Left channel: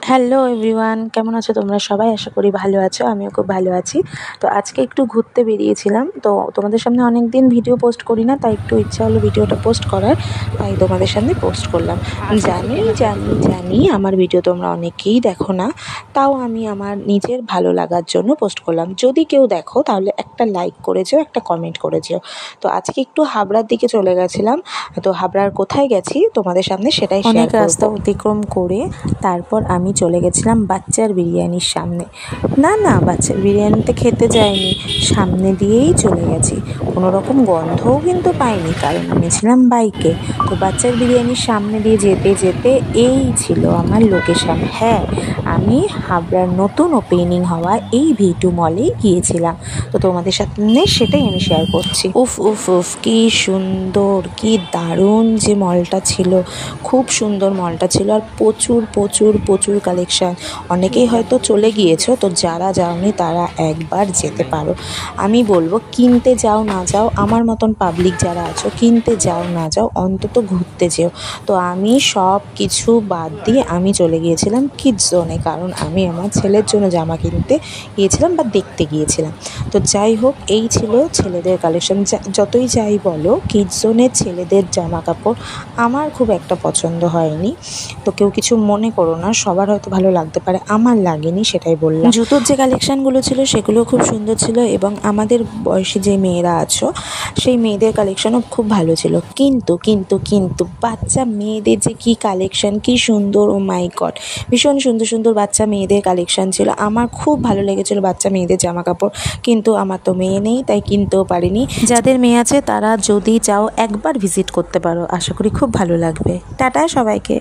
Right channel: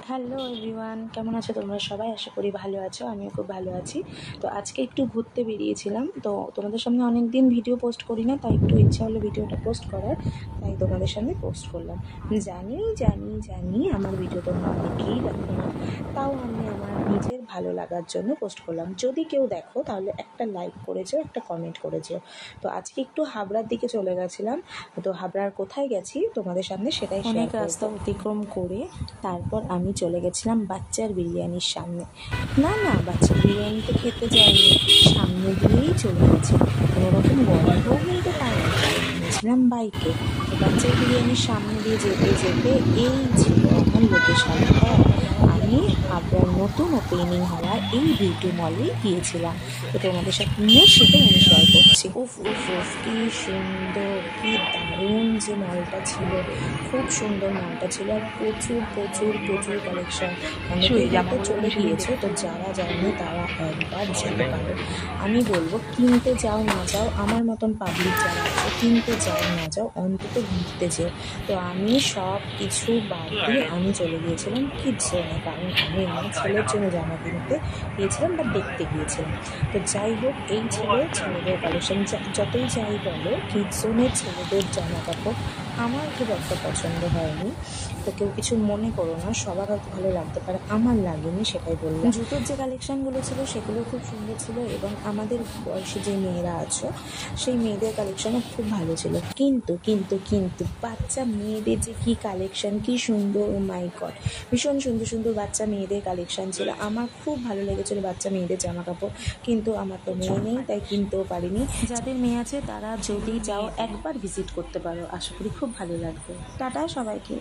Hello everyone, কেমন আছো তোমরা সবাই? আশা করি ভালো আছো, আমিও খুব ভালো আছি। তো আজকে একটু ঘুরতে বেরিয়েছিলাম, তো তোমাদের সামনে অনেক দিন ভিডিও পোস্ট করি না, তাই একটু ইচ্ছা হলো ভিডিওটা পোস্ট করার, তাই তোমাদের সামনে পোস্ট করলাম। জানি জানি জানি আমার ভিডিও তোমরা অনেকেই দেখো না, তাও আমি আমার নিজের ভালো লাগার জন্য পোস্ট করলাম। যদি কেউ দেখো তাহলে একটা লাইক করে যেও, একটা কমেন্ট করে যেও। তো আজকে একটু হাবড়ার দিকে চলে গেছিলাম। তো হাবড়ার কোথায় গেছি তোমাদের সামনে সেটাই শেয়ার করব। রাস্তা অতিক্রম করে তারপর আমি চলে গেছিলাম বাচ্চার বিরিয়ানির সামনে। না, বাচ্চার বিরিয়ানিতে খেতে যাইনি, সামনে দিয়েই চলে গেছি। কোনো রকম গন্ধও কিন্তু পাইনি, কারণ এনেছিলাম বাইকে। তো বাচ্চার বিরিয়ানির সামনে দিয়ে যেতে যেতে এই ছিল আমার লোকেশন। হ্যাঁ, আমি হাবড়ার নতুন ওপেনিং হওয়া এই V2 মলেই গিয়েছিলাম। তো তোমাদের সামনে সেটাই আমি শেয়ার করছি। উফ উফ উফ, কি সুন্দর, কি দারুণ যে মলটা ছিল, খুব সুন্দর মলটা ছিল। আর প্রচুর প্রচুর প্রচুর কালেকশান। অনেকেই হয়তো চলে গিয়েছো, তো যারা যাওনি তারা একবার যেতে পারো। আমি বলবো, কিনতে যাও না যাও, আমার মতন পাবলিক যারা আছো, কিনতে যাও না যাও, অন্তত ঘুরতে যেও। তো আমি সব কিছু বাদ দিয়ে আমি চলে গিয়েছিলাম কিডস জোনে, কারণ আমি আমার ছেলের জন্য জামা কিনতে গিয়েছিলাম বা দেখতে গিয়েছিলাম। তো যাই হোক, এই ছিল ছেলেদের কালেকশন। যতই যাই বলো, কিডস জোনের ছেলেদের জামা কাপড় আমার খুব একটা পছন্দ হয়নি। তো কেউ কিছু মনে করো না, সবার হয়তো ভালো লাগতে পারে, আমার লাগেনি, সেটাই বললাম। জুতোর যে কালেকশানগুলো ছিল সেগুলো খুব সুন্দর ছিল, এবং আমাদের বয়সী যে মেয়েরা আছো সেই মেয়েদের কালেকশানও খুব ভালো ছিল। কিন্তু কিন্তু কিন্তু বাচ্চা মেয়েদের যে কী কালেকশান, কী সুন্দর! ও মাই গড, ভীষণ সুন্দর সুন্দর বাচ্চা মেয়েদের কালেকশান ছিল। আমার খুব ভালো লেগেছিলো বাচ্চা মেয়েদের জামা কাপড়, কিন্তু আমার তো মেয়ে নেই, তাই কিনতেও পারিনি। যাদের মেয়ে আছে তারা যদি চাও একবার ভিজিট করতে পারো, আশা করি খুব ভালো লাগবে। টাটা সবাইকে।